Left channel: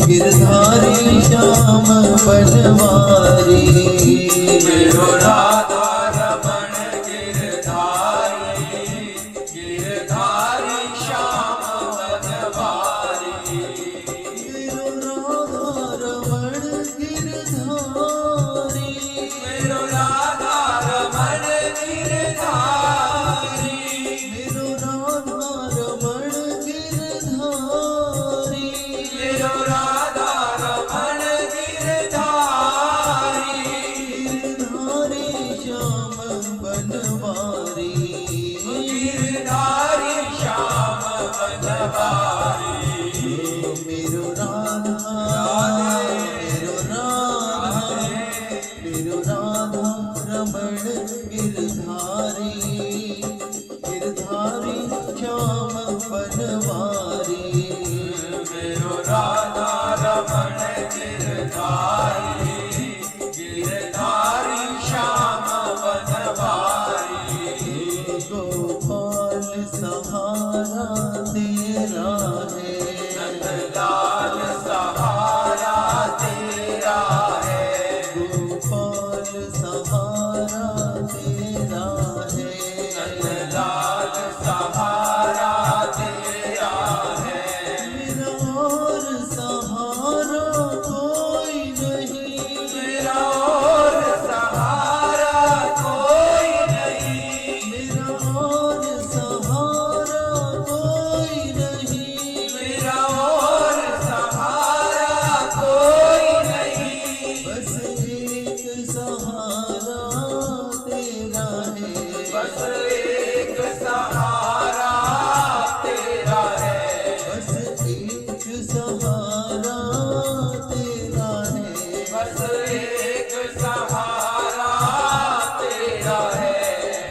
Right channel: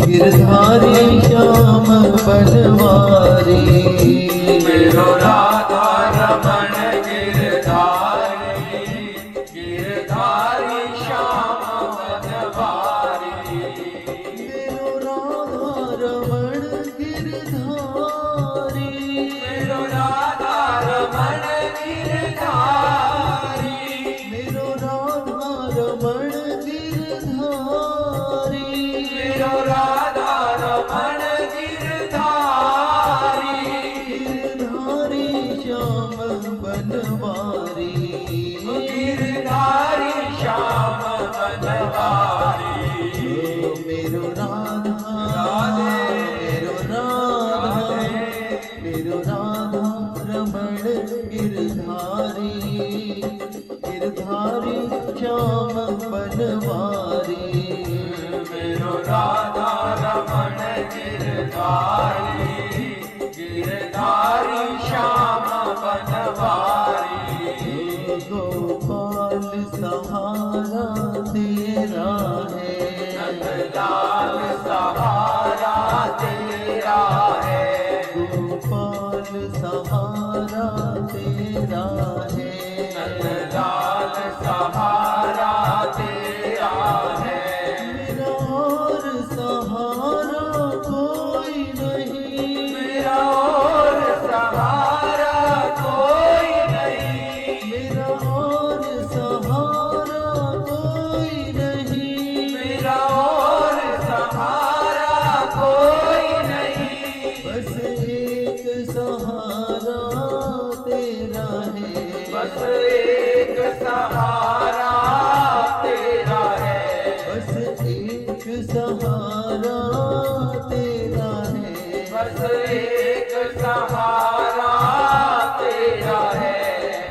गिरधारी श्याम बनवारी। मेरो राधा रमण गिरधारी, गिरधारी श्याम बनवारी। मेरो राधा रमण गिरधारी, मेरो राधा रमण गिरधारी, मेरो राधा रमण गिरधारी। मेरो राधा रमण गिरधारी, गिरधारी श्याम बनवारी। गिरधारी श्याम बनवारी। मेरो राधा मेरो राधा मेरो राधा रमण गिरधारी, गिरधारी श्याम बनवारी। मेरो राधा रमण गिरधारी, गिरधारी श्याम बनवारी। गोपाल सहारा तेरा है, नंदलाल सहारा तेरा है, गोपाल सहारा तेरा है। नंदलाल सहारा तेरा है। मेरा और सहारा कोई नहीं, मेरा और सहारा कोई नहीं, मेरा और सहारा कोई नहीं। मेरा और सहारा कोई नहीं। बस एक सहारा तेरा है, बस एक सहारा तेरा है, बस एक सहारा तेरा है। बस एक सहारा तेरा है।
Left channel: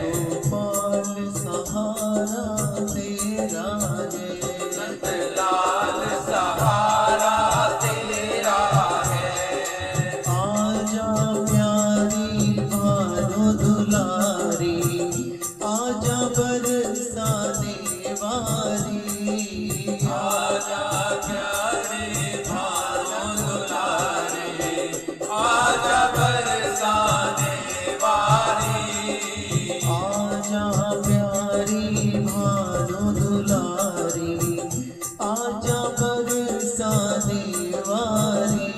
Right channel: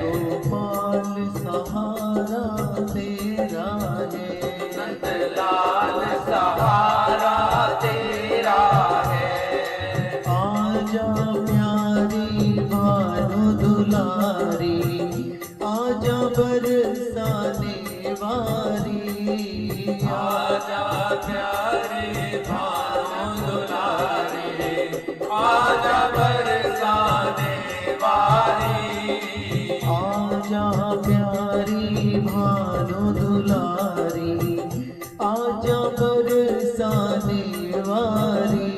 गोपाल सहारा तेरा है, नंदलाल सहारा तेरा है। आजा प्यारी भानु दुलारी, आजा बरसाने वारी। आजा प्यारे भानु दुलारे, आजा बरसाने वारी। आजा प्यारी भानु दुलारी, आजा बरसाने वारी।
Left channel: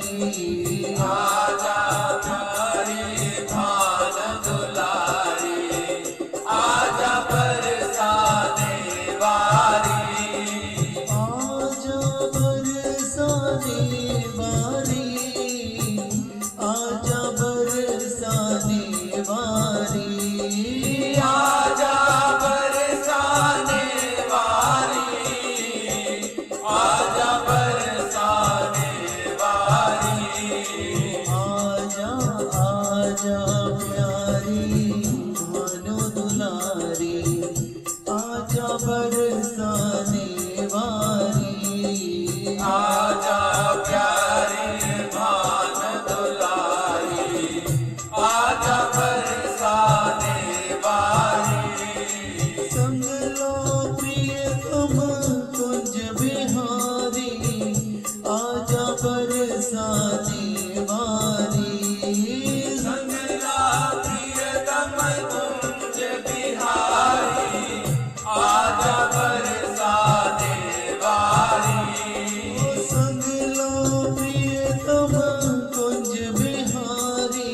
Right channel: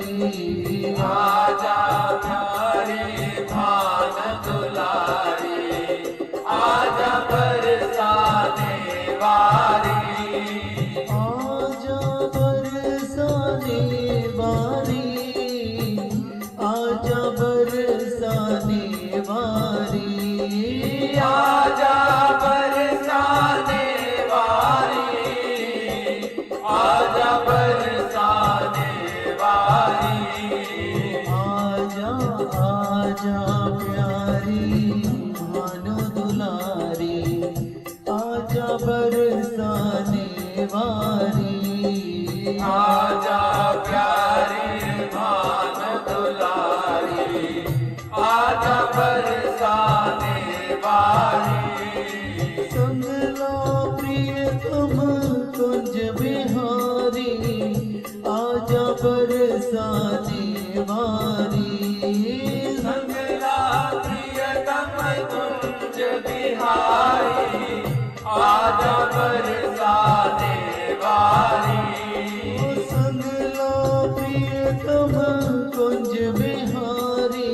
आजा प्यारे भानु दुलारे, आजा बरसाने वारी। आजा बरसाने वारी, आजा बरसाने वारी। आजा बरसाने वारी, आजा बरसाने वारी। आजा आजा प्यारी भानु दुलारी, आजा बरसाने वारी। आजा प्यारे भानु दुलारी, आजा बरसाने वारी। संगला प्रियतम कुंज बिहारी, आजा बरसाने वारी। संगला प्रियतम कुंज बिहारी, आजा बरसाने वारी। संगला प्रियतम कुंज बिहारी,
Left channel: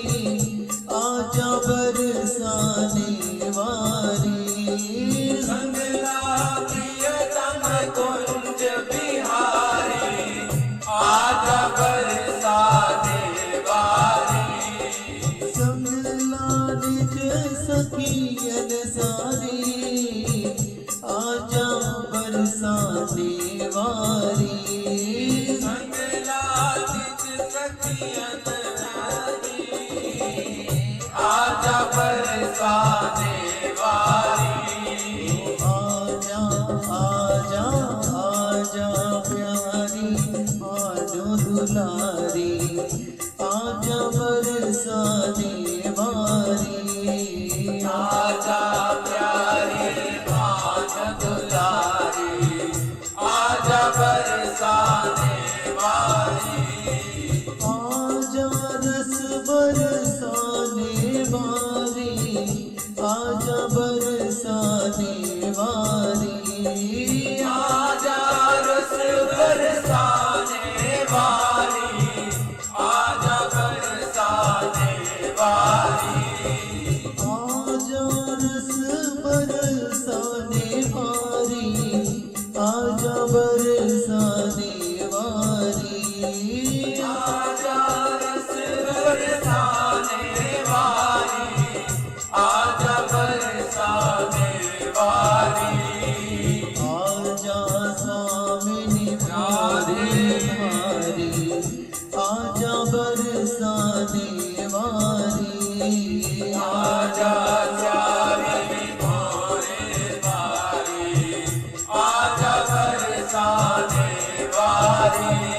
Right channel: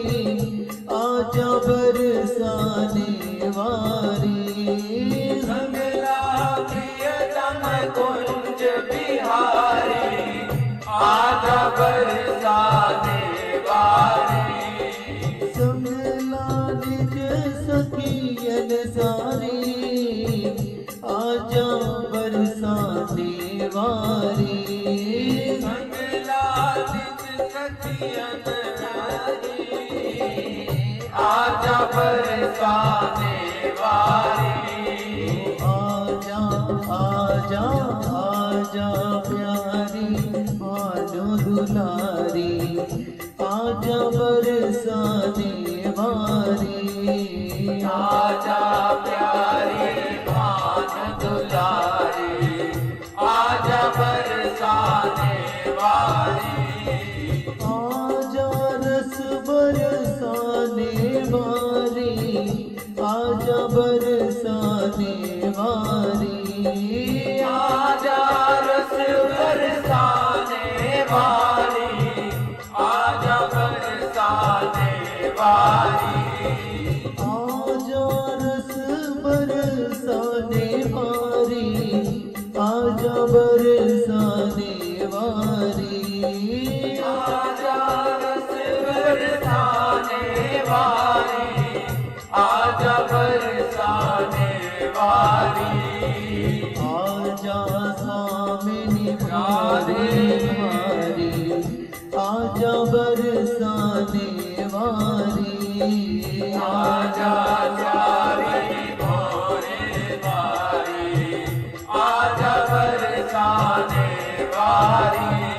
आजा बरसाने वारी। संगला प्रियतम कुंज बिहारी, आजा बरसाने वारी। संगला निज सखियन सारी, आजा बरसाने वारी। संगला निज सखियन सारी, आजा बरसाने वारी। आजा आजा आजा प्यारी भानु दुलारी, आजा बरसाने वारी। आजा प्यारे भानु दुलारी, आजा बरसाने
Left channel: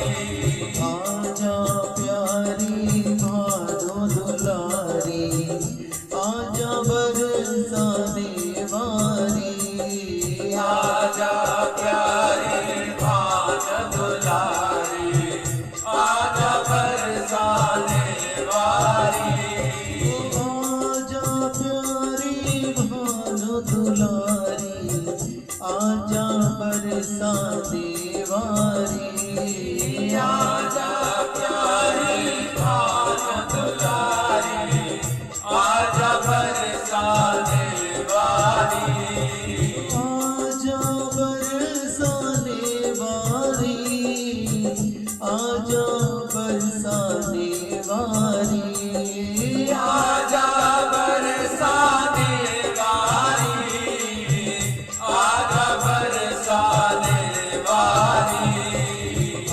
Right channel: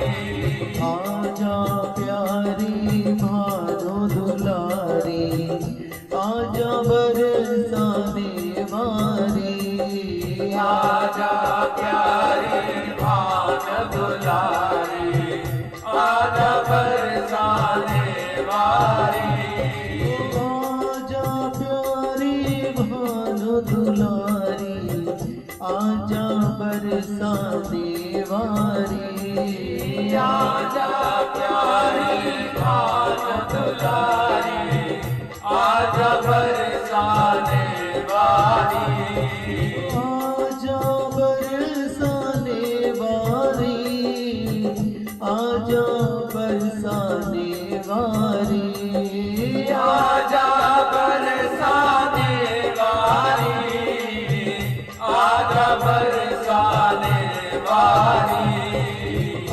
आजा प्यारी भादो दुलारी, आजा बरसाने वारी, आजा प्यारी भाग दुलारी, आजा बरसाने वारी, आजा प्यारी भादो दुलारी, आजा बरसाने वारी, आजा प्यारी भाग दुलारी, आजा बरसाने वारी, आजा बरसाने वारी, आजा बरसाने वारी, आजा बरसाने वारी, आजा बरसाने वारी,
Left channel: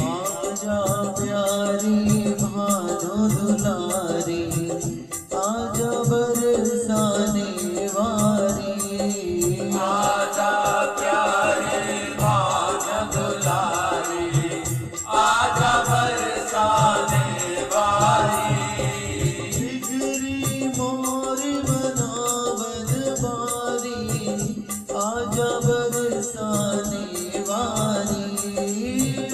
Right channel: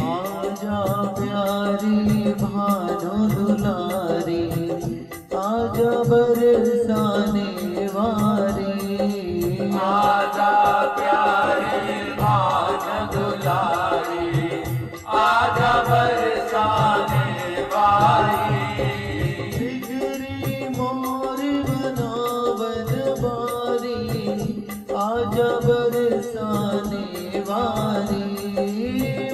आजा प्यारी भादो दुलारी, आजा बरसाने वारी, आजा प्यारी भाग दुलारी, आजा बरसाने वारी, जिगरी मोर बनावन बारी, आजा बरसाने वारी,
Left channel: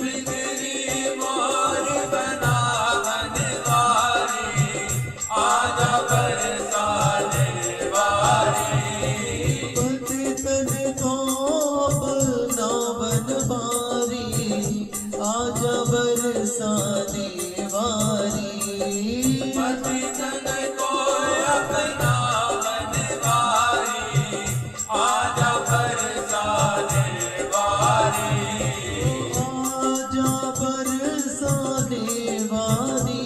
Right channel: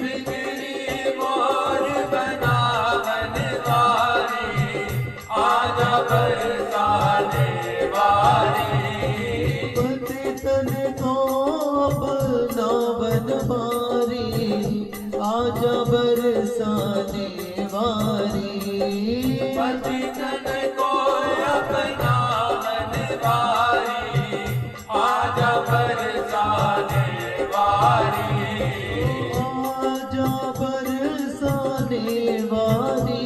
बिगड़ी मोर बनावन वारी, आजा बरसाने वारी, पतितन को अपनावन बारी, आजा बरसाने वारी, पतितन को अपना मनवारी, आजा बरसाने वारी, आजा बरसाने वारी,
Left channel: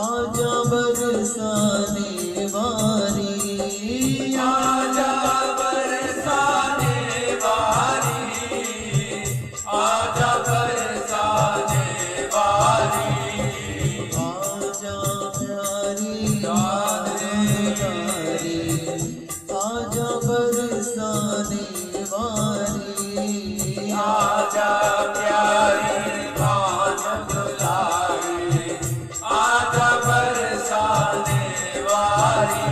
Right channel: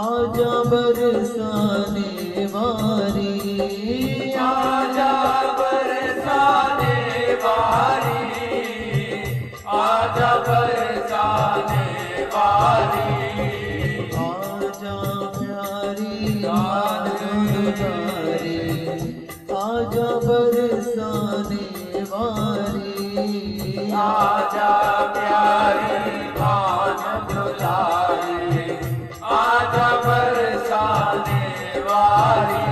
आजा बरसाने वारी, आजा बरसाने वारी, आजा बरसाने वारी, आजा प्यारी दुलारी, आजा बरसाने वारी, आजा प्यारी भाग दुलारी, आजा बरसाने वारी,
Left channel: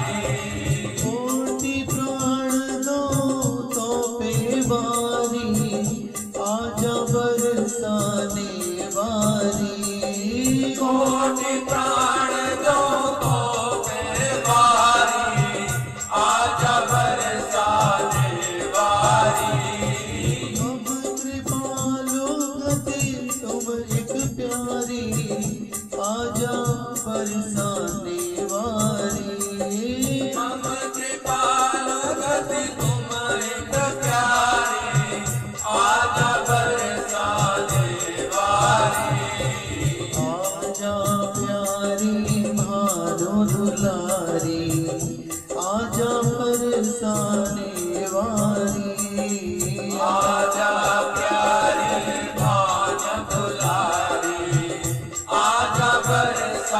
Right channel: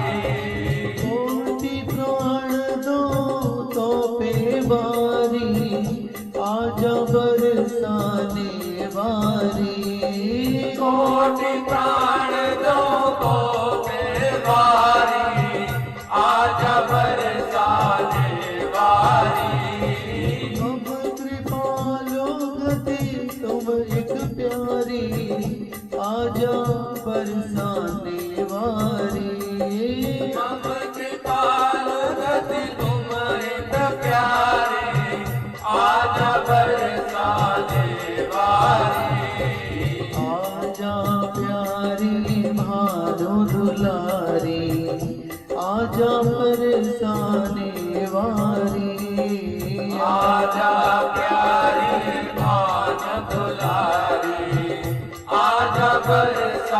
कोटि प्राण दो तो पे बारी, आजा बरसाने वारी, कोटि प्राण दो को बेवारी, आजा बरसाने वारी, अब कृपालो गति तुम एक प्यारी, आजा बरसाने वारी, हम कृपाल गति तुम एक प्यारे, आजा बरसाने वारी, आजा प्यारी भादो दुलारी, आजा बरसाने वारी, आजा प्यारी भाग दुलारी, आजा बरसाने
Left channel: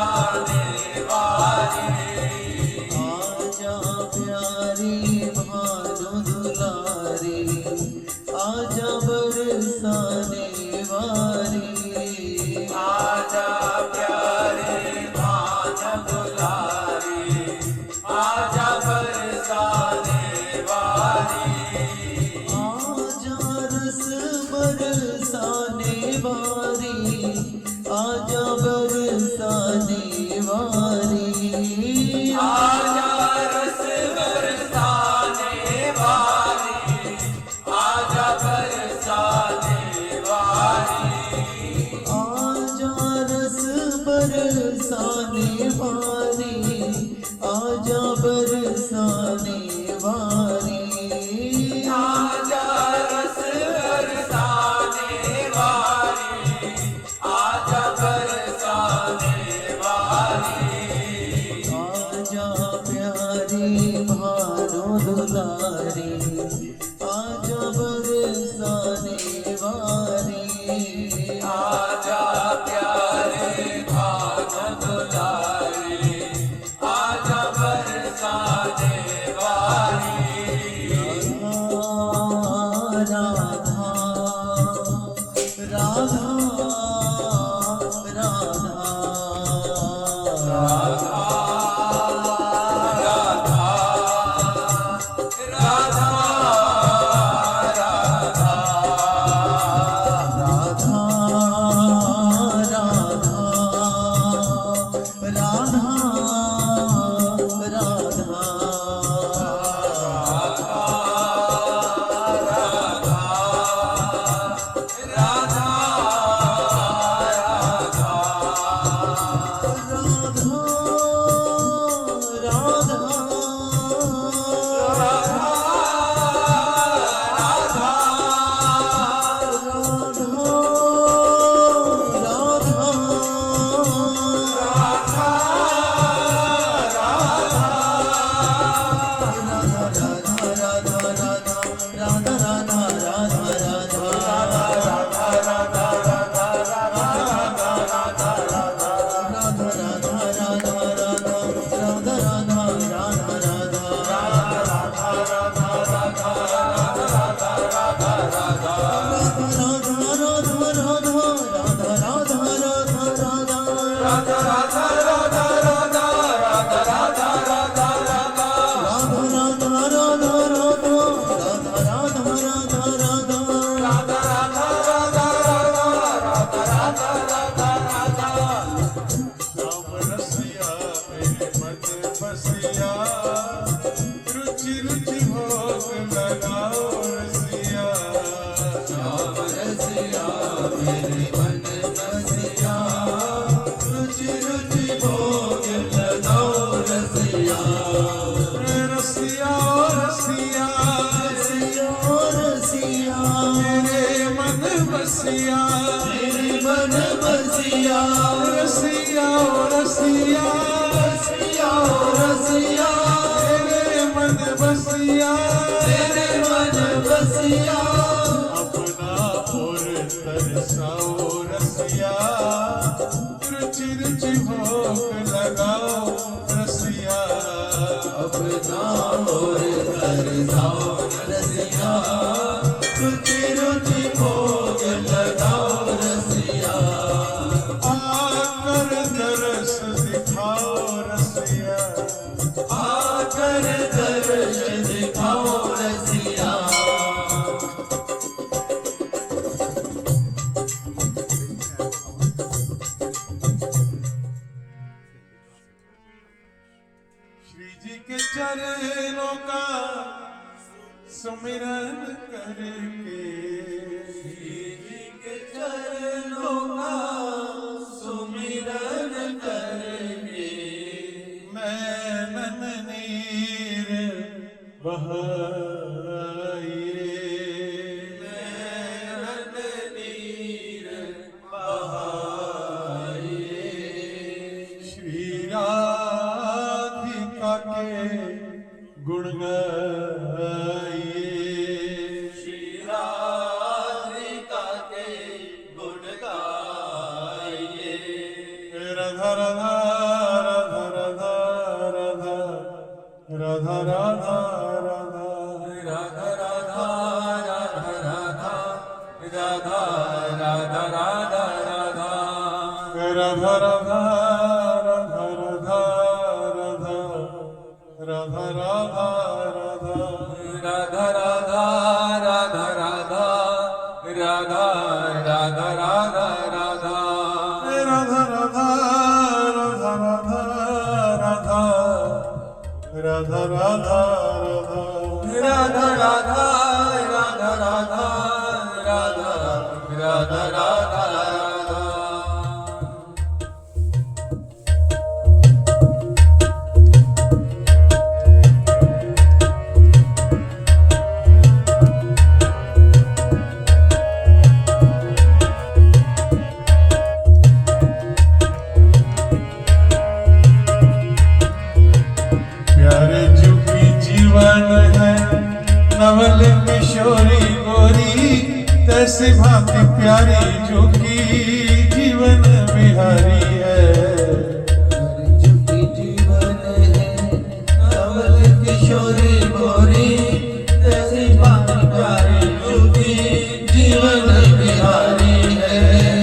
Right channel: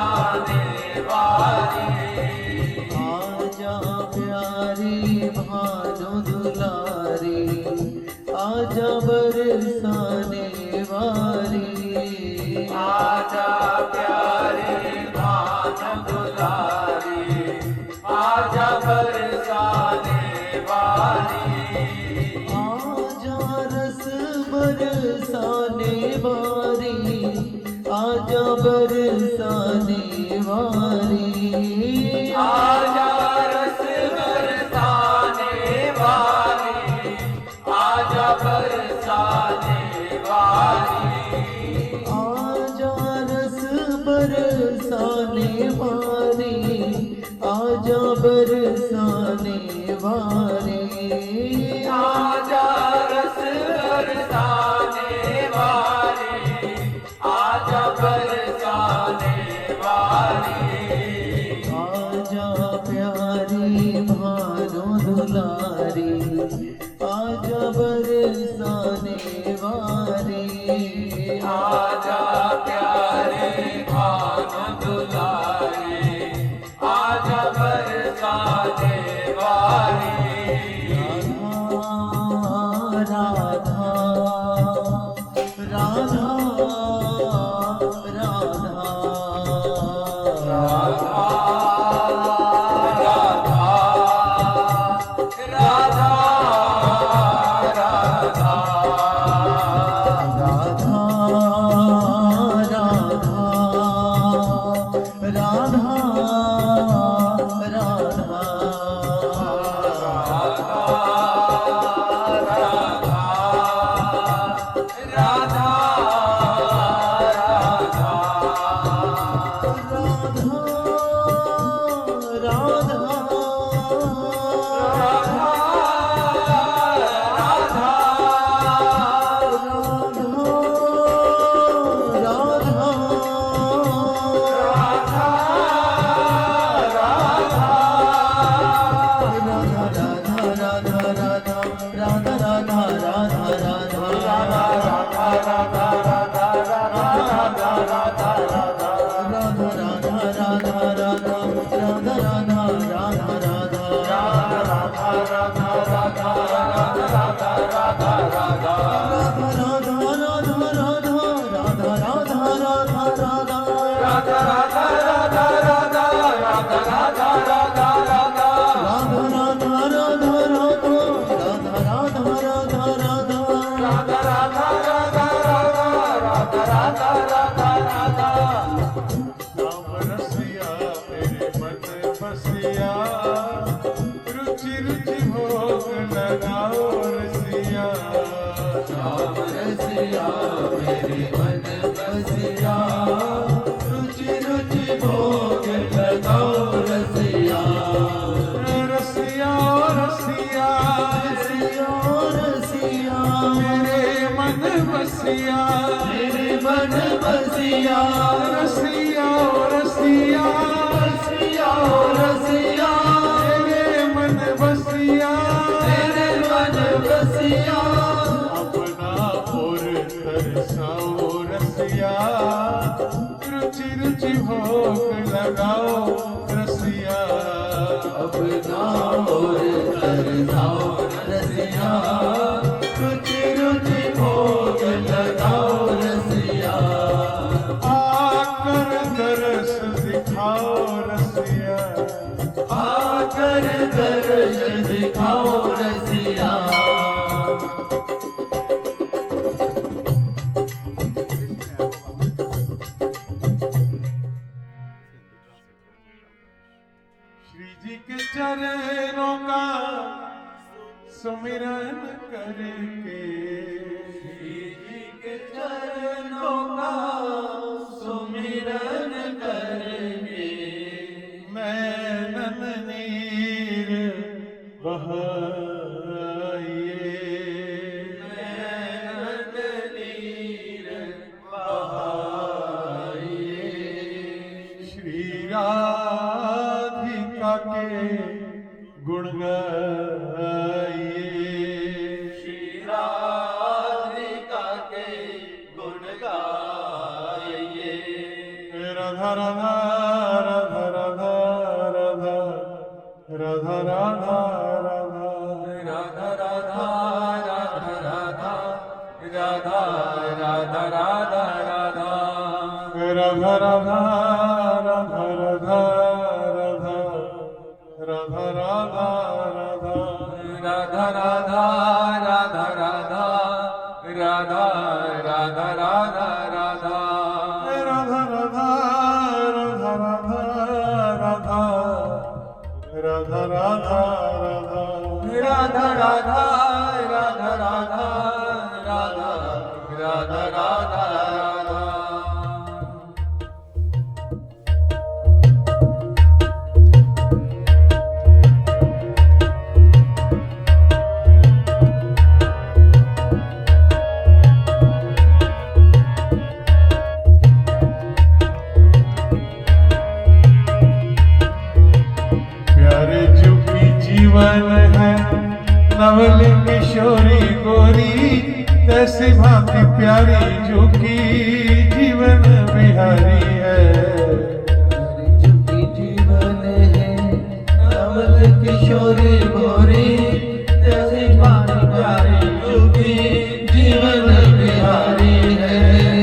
जीवन बिहारी है।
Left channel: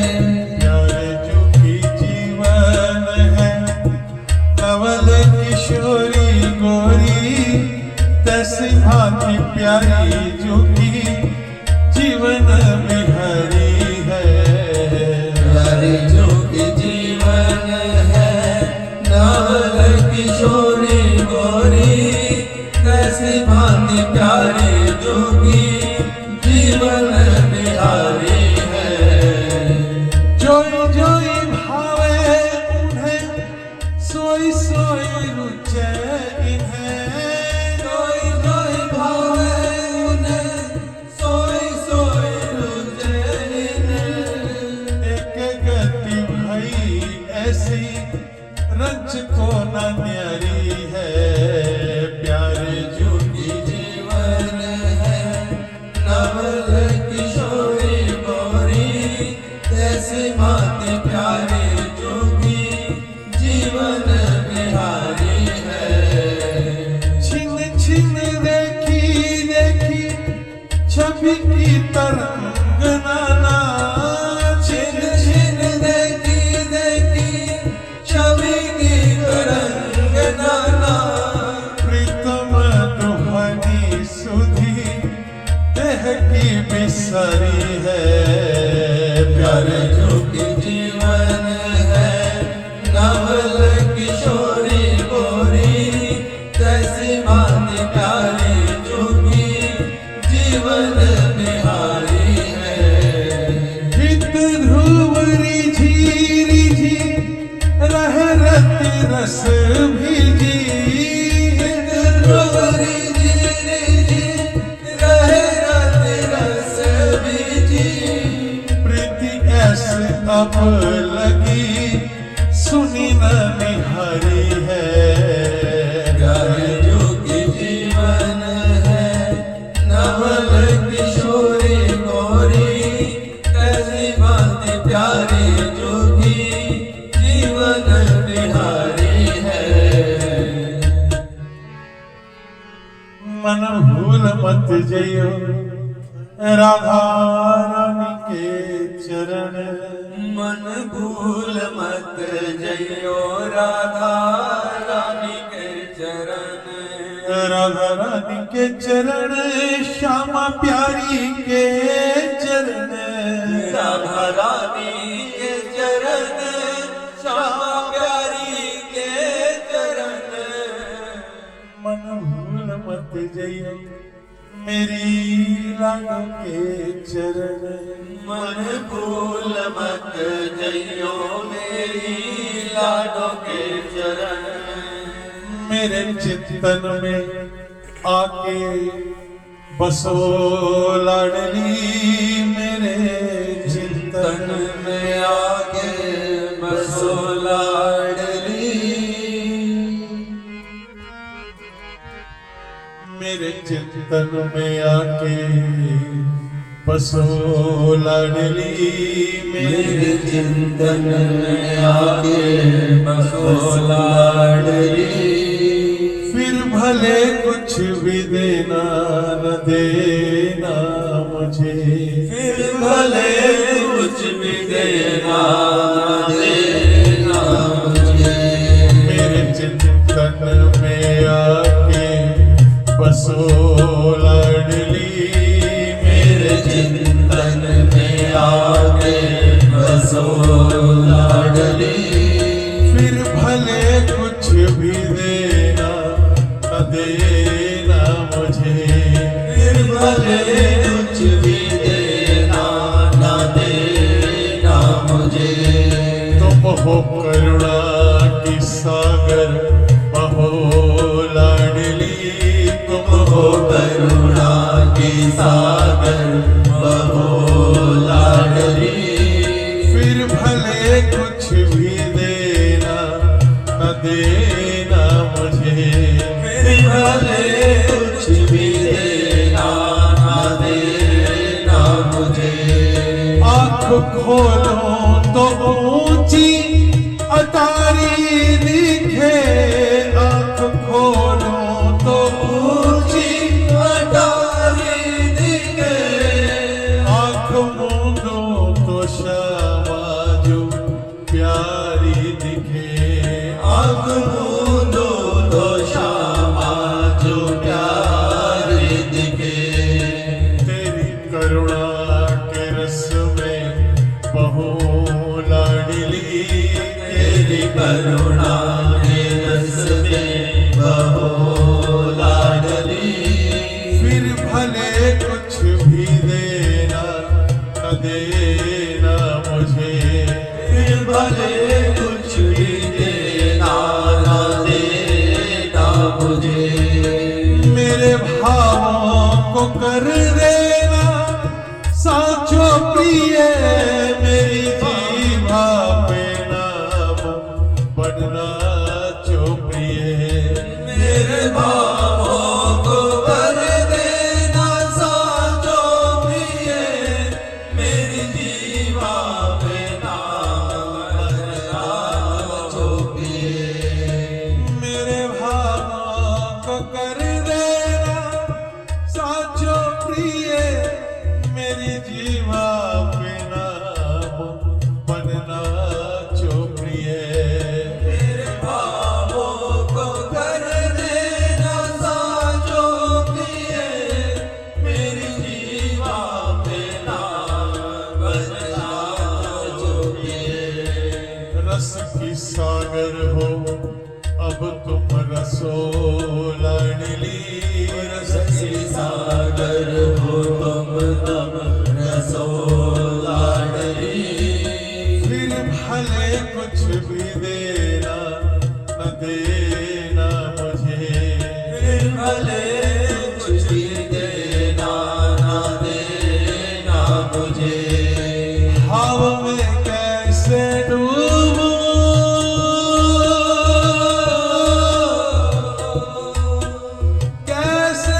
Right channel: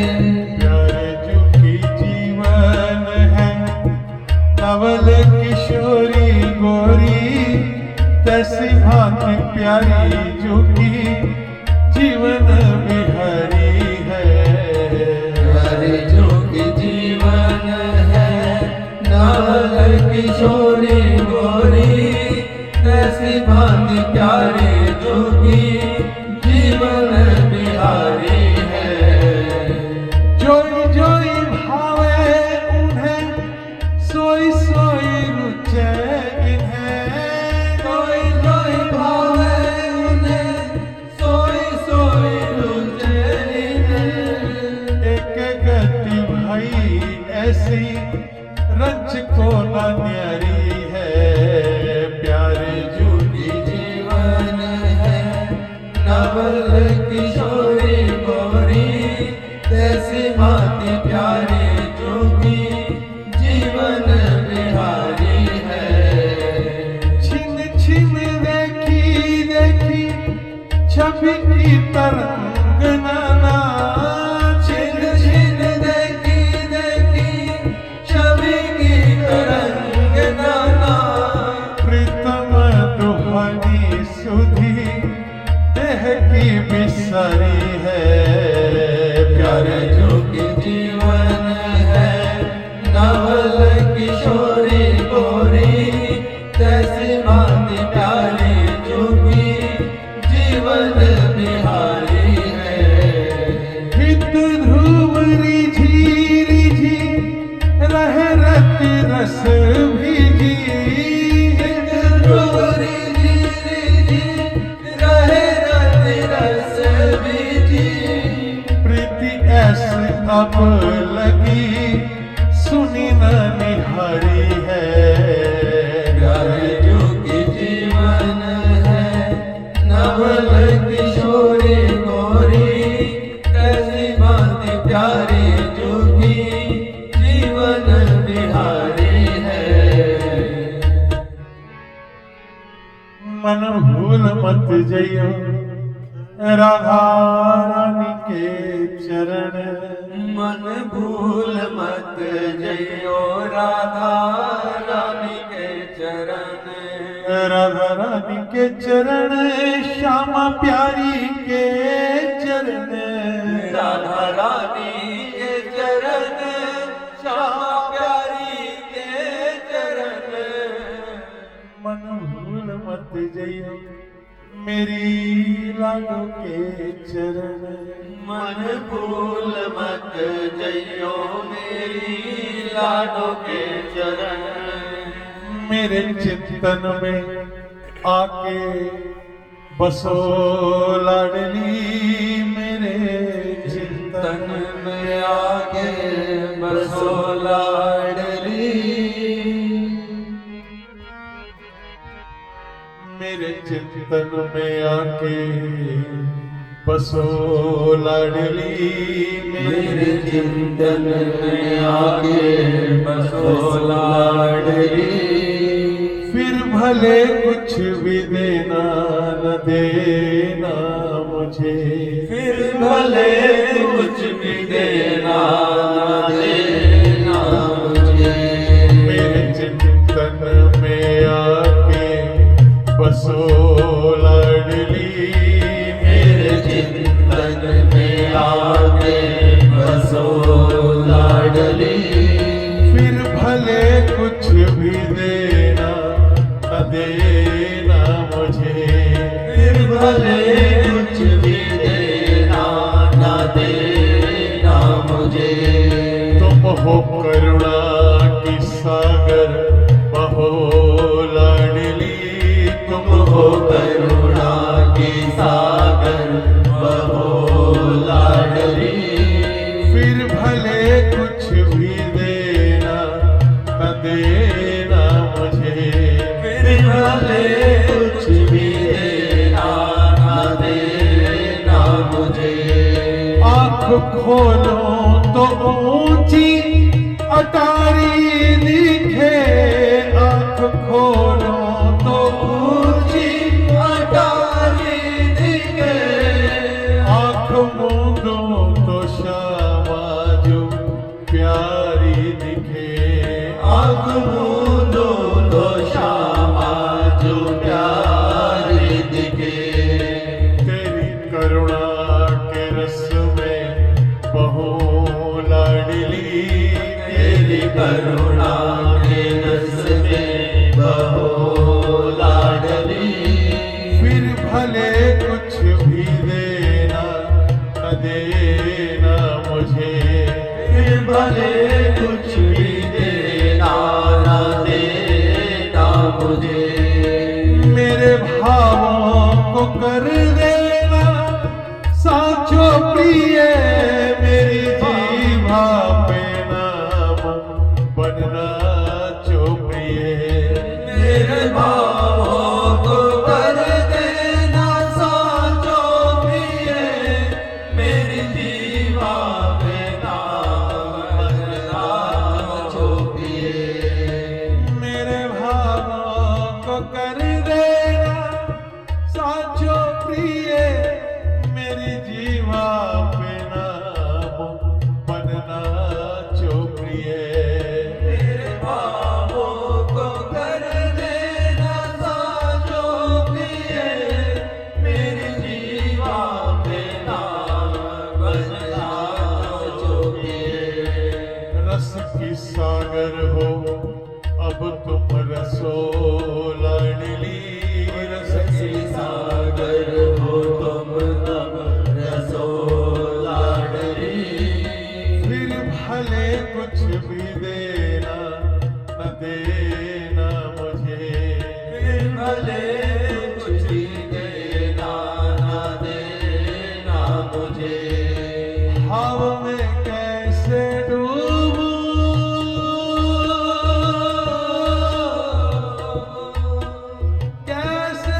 कैसी भांति प्यारे जोगी जीवन बिहारी है। छिन छिन देखी देखी छवि की तरंगना, छिन छिन देखी देखी छवि की तरंगना, प्रीतम दुहनी सुधी देह की बिसरी है। प्यारे जोगी जीवन है नवल किशोरी गोरी, कैसी भांति प्यारी जोगी जीवन बिहारी है। हित ध्रुव रिझी रिझी रहे रत रस भीजी, ध्रुवरी जी रहे रत रस बीजी, प्रीति ऐसी अब लगी सुनी न निहारी है। प्यारे जोगी जीवन है नवल किशोरी गोरी, कैसी भांति प्यारी जोगी जीवन बिहारी है। मन भूल मत जइयो राधा रानी के चरण, मन भूल मत जइयो राधा रानी के चरण, राधा रानी के चरण श्यामा प्यारी के चरण, राधा रानी के चरण श्यामा प्यारी के चरण। मन भूल मत जइयो मेरी लाडो के चरण, मन भूल मत जइयो मेरी लाडो के चरण, मेरे चिंतन में आके बसो लाडली, मेरे चिंतन में आके बसो लाडली, मेरे चिंतन में आके बसो लाडली, मेरे चिंतन में आके बसो लाडली। फिर भले कुछ भी देना न देना मुझे, फिर भले कुछ भी देना न देना मुझे, मेरे चिंतन में आके बसो लाडली, मेरे चिंतन में आके बसो लाडली। फिर भले कुछ भी देना न देना मुझे, फिर भले कुछ भी देना न देना मुझे, तुम हो करुणा की सागर बहो लाडली, तुम हो करुणा की सागर बहो लाडली। फिर भले कुछ भी देना न देना मुझे, फिर भले कुछ भी देना न देना मुझे, आँख खोलो तो ऊंची अटारी दिखे, आँख खोलो तो ऊंची अटारी दिखे, आँख मूंदो तो श्यामा जो प्यारी दिखे, आँख मूंदो तो श्यामा जो प्यारी दिखे, तेरी करुणा के रस में बहो लाडली, तेरी करुणा के रस में बहो लाडली। फिर भले कुछ भी देना न देना मुझे, फिर भले कुछ भी देना न देना मुझे, मेरे भावों को कर देना साचो प्रिय, मेरी जीवा पे नाम बनना चो प्रिय, मेरे अब तुम रसोलड़ली रस रसी सागर हो तुम तब रसो लाडली फिर भले कुछ भी देना न देना मुझे फिर भले कुछ भी देना ना देना मुझे भाव में कैसे डूबूं कैसे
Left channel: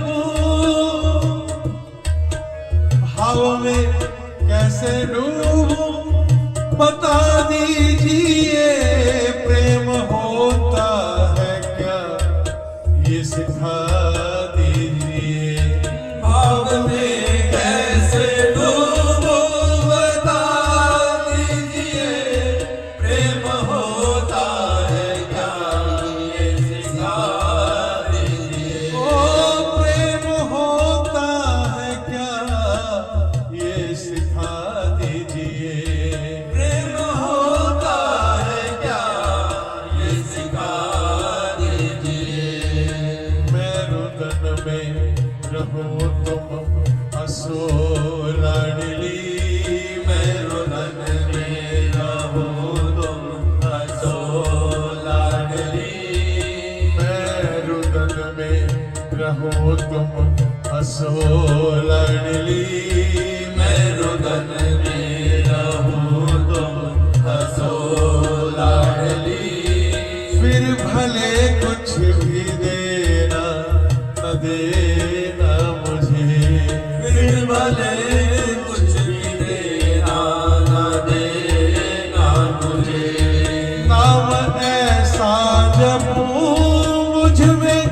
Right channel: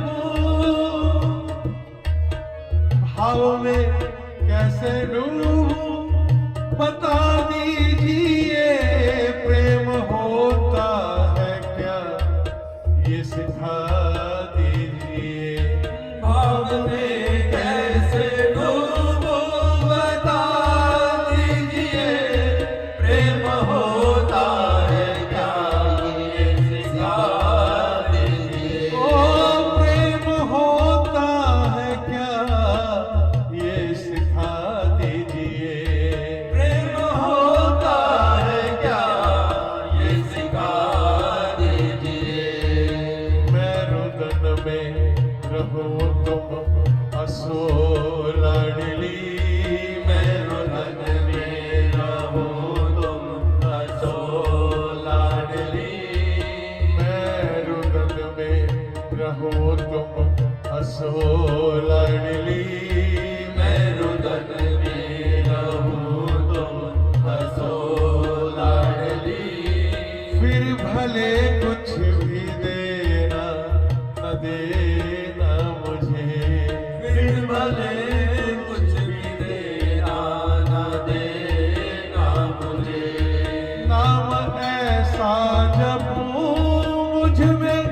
डूबूं भाव में कैसे डूबूं बता दीजिए प्रेम होता है क्या ये सिखा दीजिए भाव में कैसे डूबूं बता दीजिए प्रेम होता है क्या ये सिखा दीजिए ओ प्रेम होता है क्या ये सिखा दीजिए प्रेम होता है क्या ये सिखा दीजिए मैं रुदन में रहूं तुम हंसो लाडली मैं रुदन में रहूं तुम हंसो लाडली मैं रुदन में रहूं तुम हंसो लाडली मैं रुदन में रहूं तुम हंसो लाडली फिर भले कुछ भी देना न देना मुझे फिर भले कुछ भी देना ना देना मुझे नाम ऐसा जपूं मुझ में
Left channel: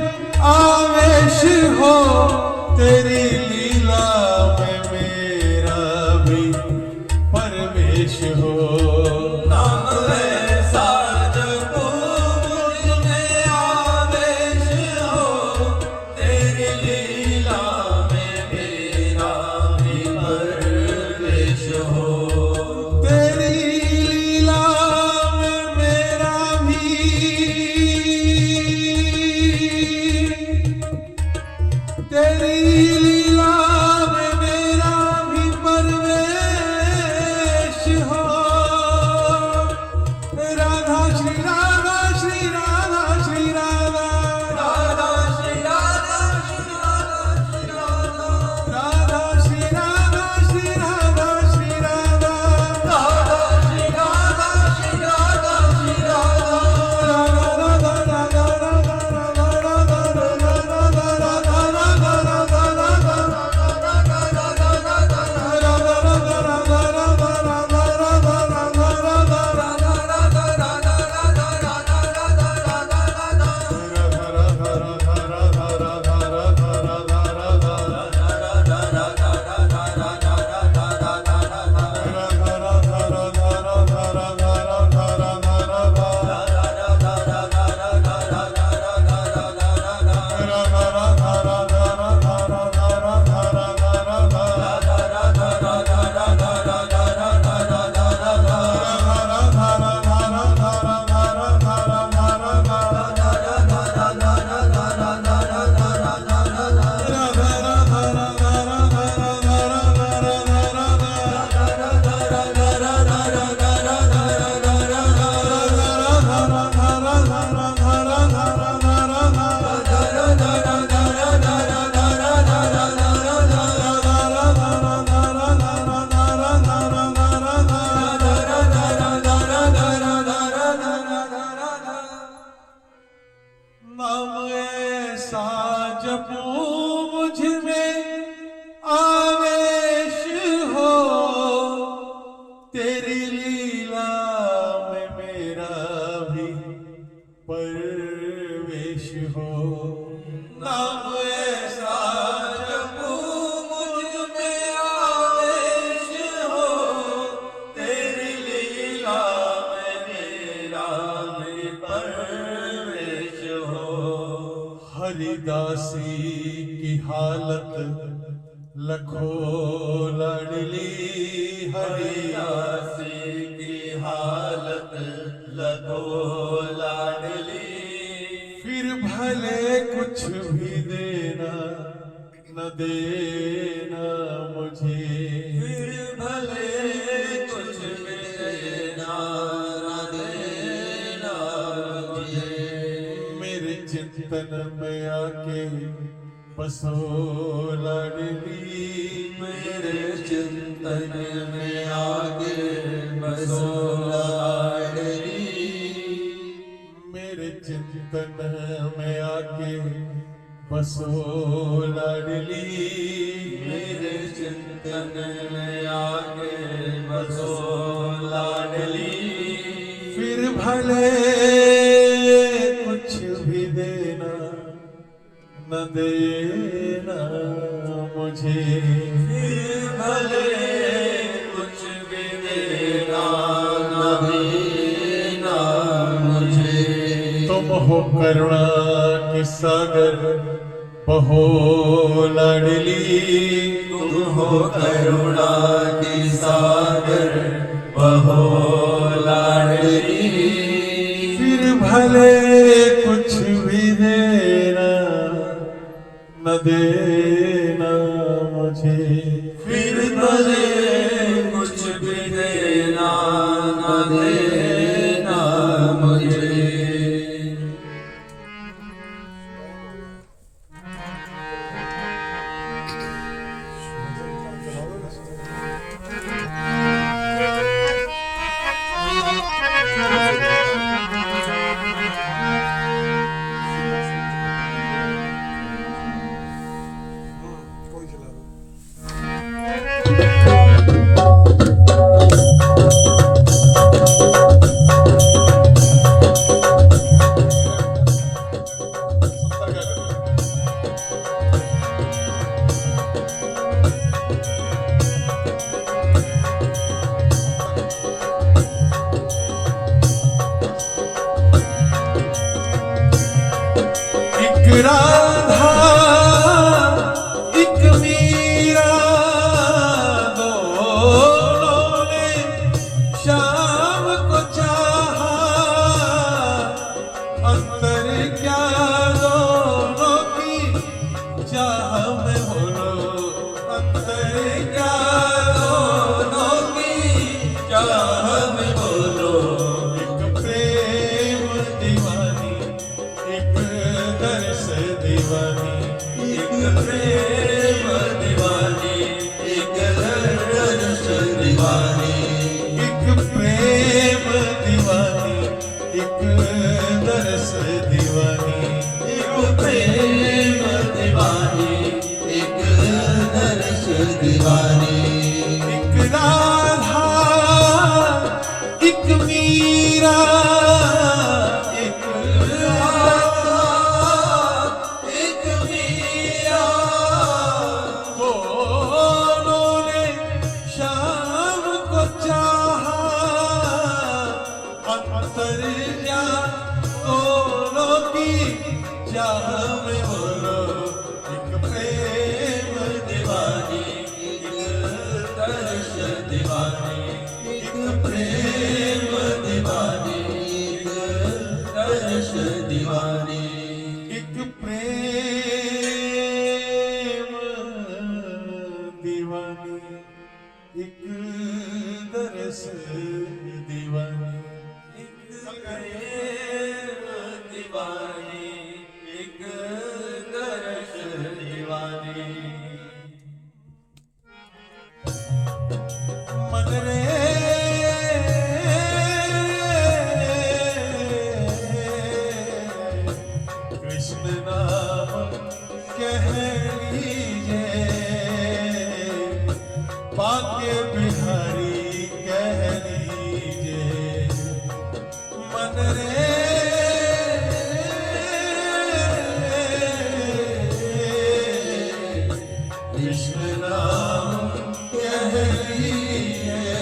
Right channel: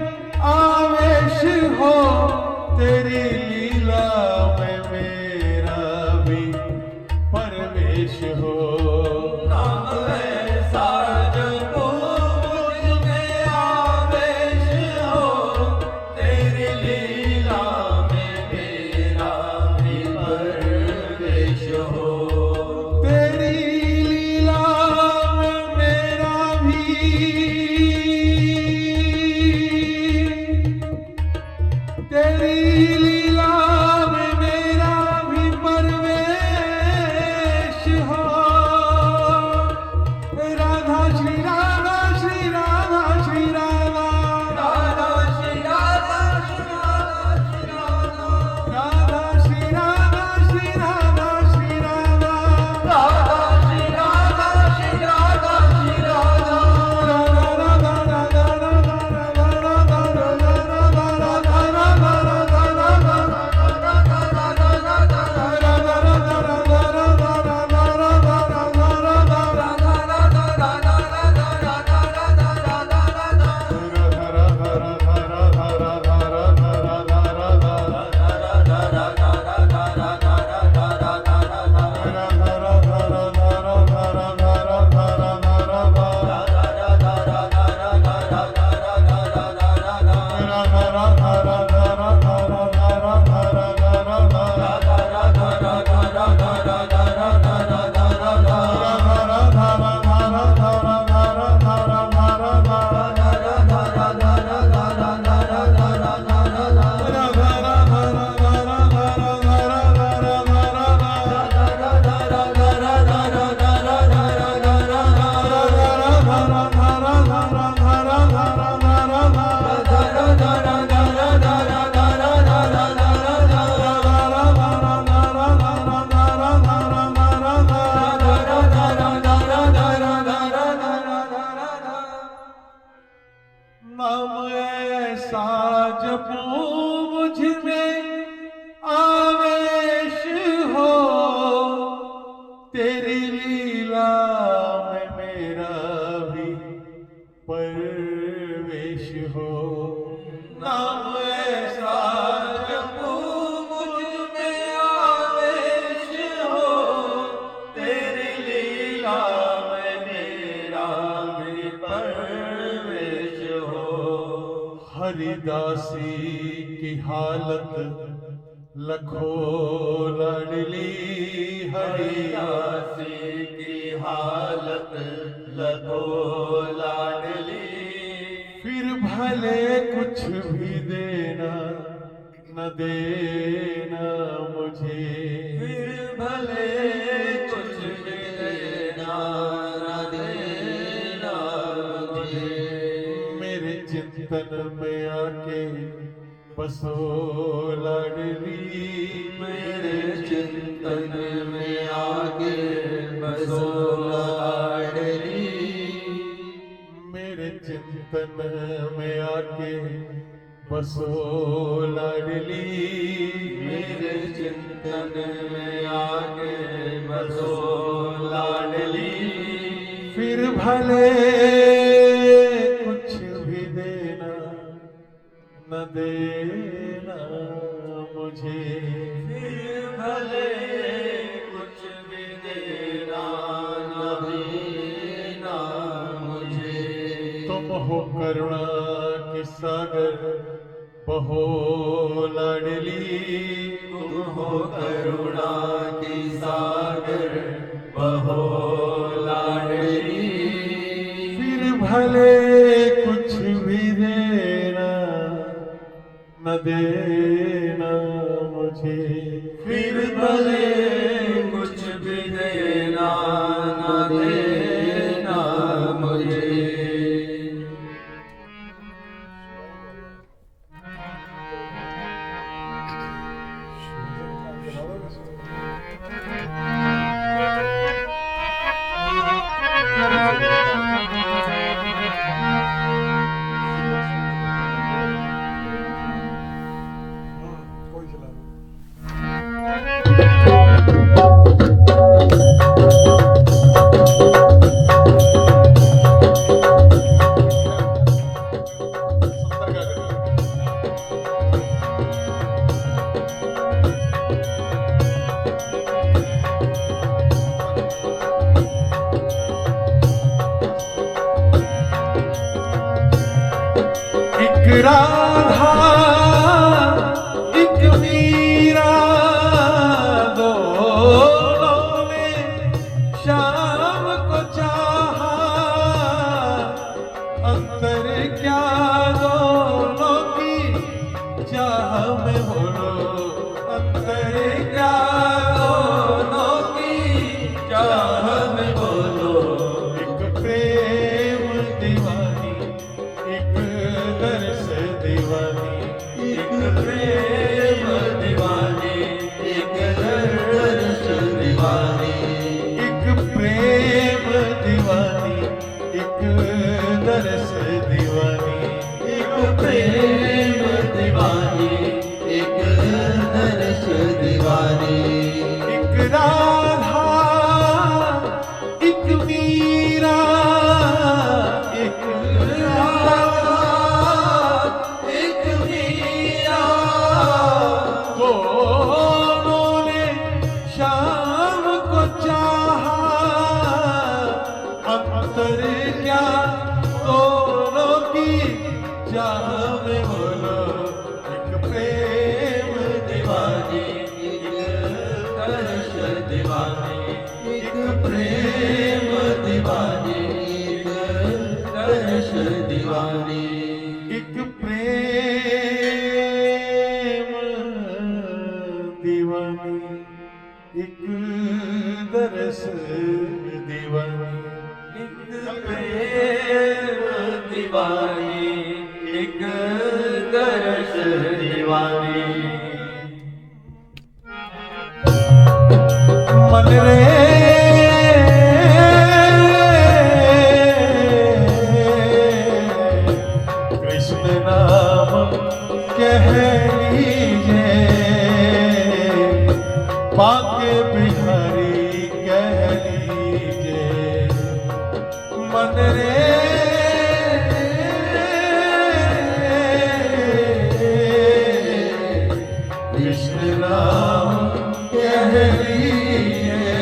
आवेश हो तेरी लीला में मेरा भी परवेश हो नाम ऐसा जपो मुझ में आवेश हो तेरी लीला में मेरा भी परवेश हो तेरी लीला में मेरा भी तेरी लीला में मेरा भी परवेश हो राधा श्री राधा श्री राधा श्री राधा राधा श्री राधा श्री राधा श्री राधा राधा श्री राधा श्री राधा श्री राधा राधा श्री राधा श्री राधा श्री राधा राधा राधा राधा राधा राधा नाम ऐसा जपूं मुझ में आवेश हो तेरी लीला में मेरा भी परवेश हो नाम ऐसा जपूं मुझ में आवेश हो तेरी लीला में मेरा भी परवेश हो हरिदासी की हालत लखो लड़ली हरिदासी हरिदासी की लगो लाडली। फिर भले कुछ भी देना न देना मुझे, फिर भले कुछ भी देना न देना मुझे। मेरे चिंतन में आके बसो लाडली, मेरे चिंतन में आगे बसो लाडली। मेरे चिंतन में आके बसो लाडली, मेरे चिंतन में आगे बसो लाडली। फिर भले कुछ भी देना न देना मुझे, फिर भले कुछ भी देना न देना मुझे। तुम हो करुणा के सागर बहो लाडली, तुम हो करुणा की सागर बहो लाडली। फिर भले कुछ भी देना न देना मुझे, फिर भले कुछ भी देना न देना मुझे। एक राधा एक मीरा दोनों ने शाम को चाहा, अंतर क्या दोनों की चाह में बोलो, अंतर क्या दोनों की चाह में बोलो। एक प्रेम दीवानी एक दर्श दीवानी, एक प्रेम दीवानी एक दर्श दीवानी। एक प्रेम दीवानी एक दर्श दीवानी, एक प्रेम दीवानी एक दर्श दीवानी। एक राधा एक मीरा एक एक मीरा दोनों ने शाम को चाहा, अंतर क्या दोनों की चाह में बोलो, एक प्रेम दीवानी एक दर्श दीवानी। एक प्रेम दीवानी एक दर्श दीवानी। एक प्रेम दीवानी एक दरस दीवानी। एक प्रेम दीवानी एक दर्श दीवानी। मन रे कृष्ण नाम कह लीजिए, पाके बिहारी कह लीजिए। मन रे कृष्ण नाम कह लीजिए,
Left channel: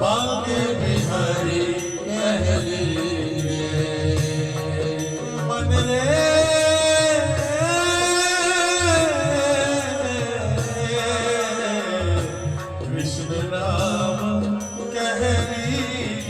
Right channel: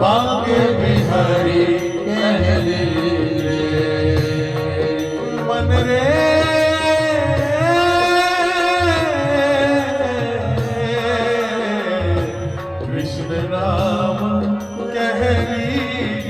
पाके बिहारी कह लीजिए। मन रे कृष्ण नाम कह लीजिए,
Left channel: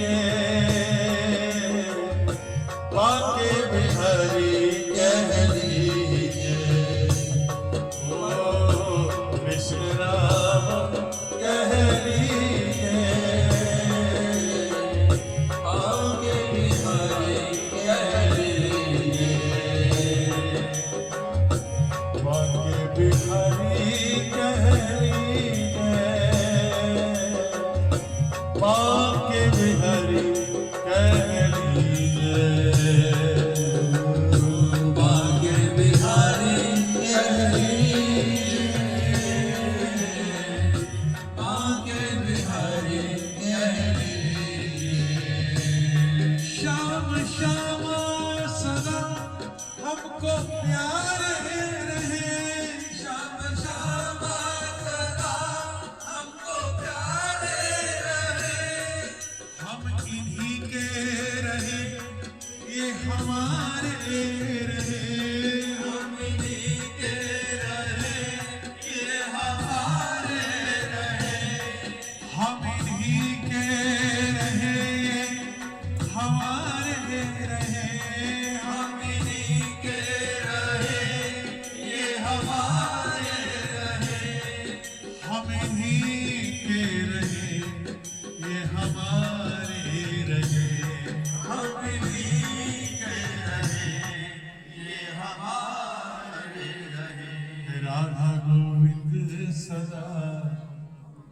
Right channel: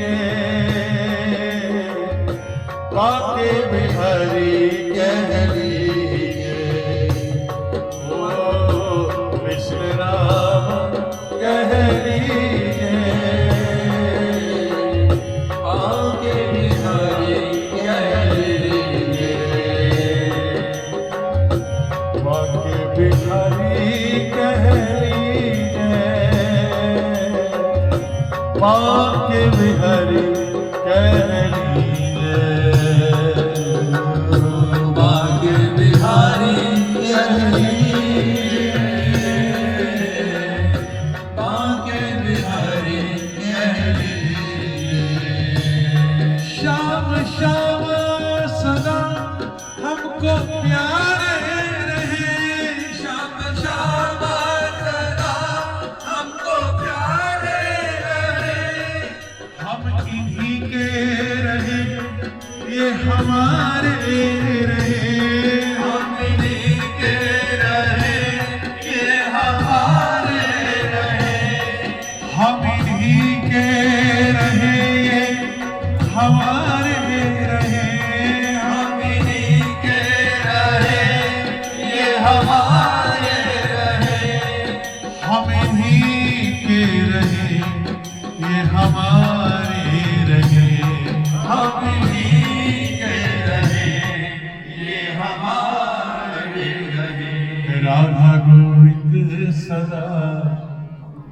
राधा गोविंद सदा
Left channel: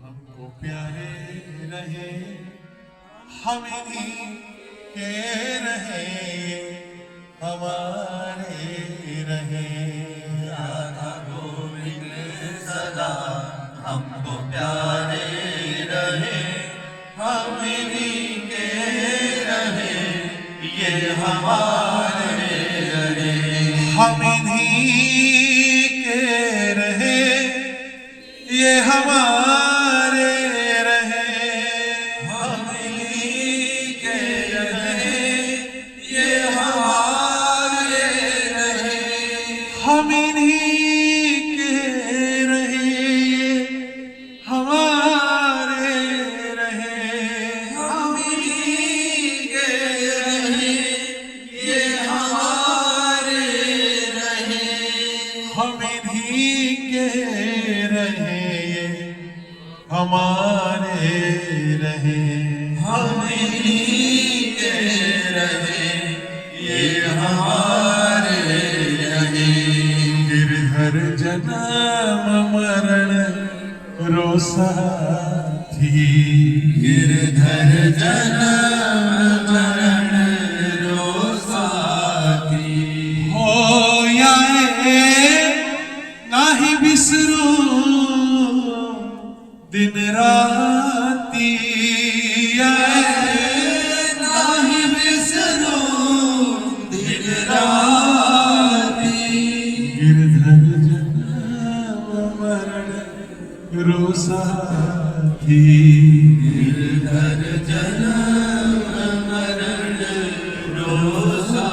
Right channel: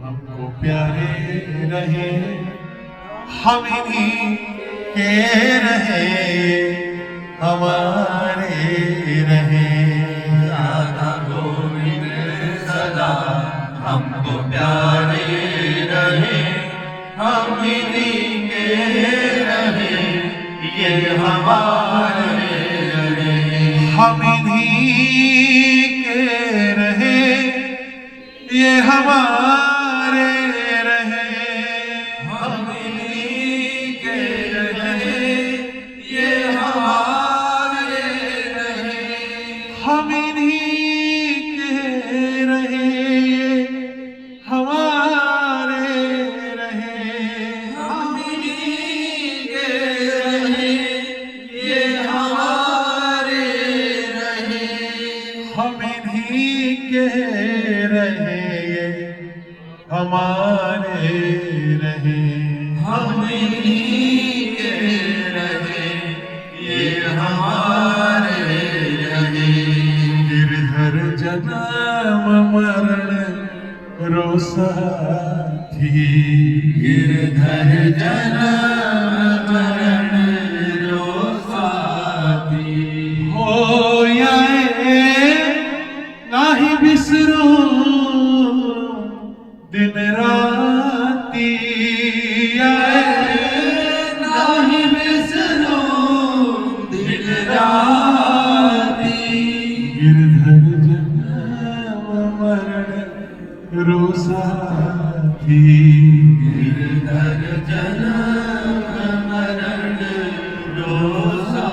हमको प्यारे रहे, हम इन्हीं के रहे, हमारे रहे। राधा गोविंद सदा हमको प्यारे रहे, हम इन्हीं के रहे, ये हमारे रहे। हम इन्हीं के रहे, ये हमारे रहे। हम इन्हीं के रहे, ये हमारे रहे। हम इन्हीं के रहे, ये हमारे रहे। हम इन्हीं के रहे, ये हमारे रहे। हम इन्हीं के रहे, ये हमारे रहे। हम इन्हीं के रहे, ये हमारे रहे। गिरधर जन्म मरण रोसाथी, गिरधर जन्म मरण रोसाथी। हो याए नाही बिसरू दिन राती, आए नहीं बिसरूं दिन राती। गिरधर जन्म मरण रोसाथी। गिरधर जन्म मरण रोसाथी।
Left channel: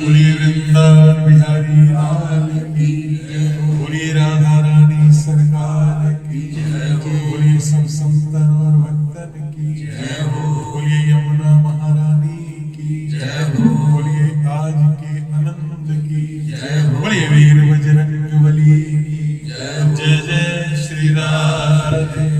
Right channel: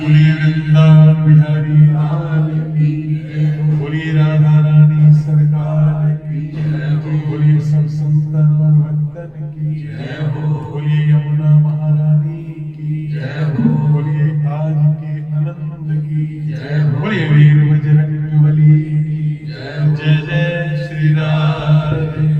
बोलिए वृंदावन बिहारी लाल की जय, बोलिए राधा रानी सरकार की जय, बोलिए सब संतन और भक्तन की जय हो, बोलिए यमुना महारानी की जय हो, बोलिए आज के आनंद की जय हो, बोलिए वीर बजरंग बली की जय। जय जय श्री राधे।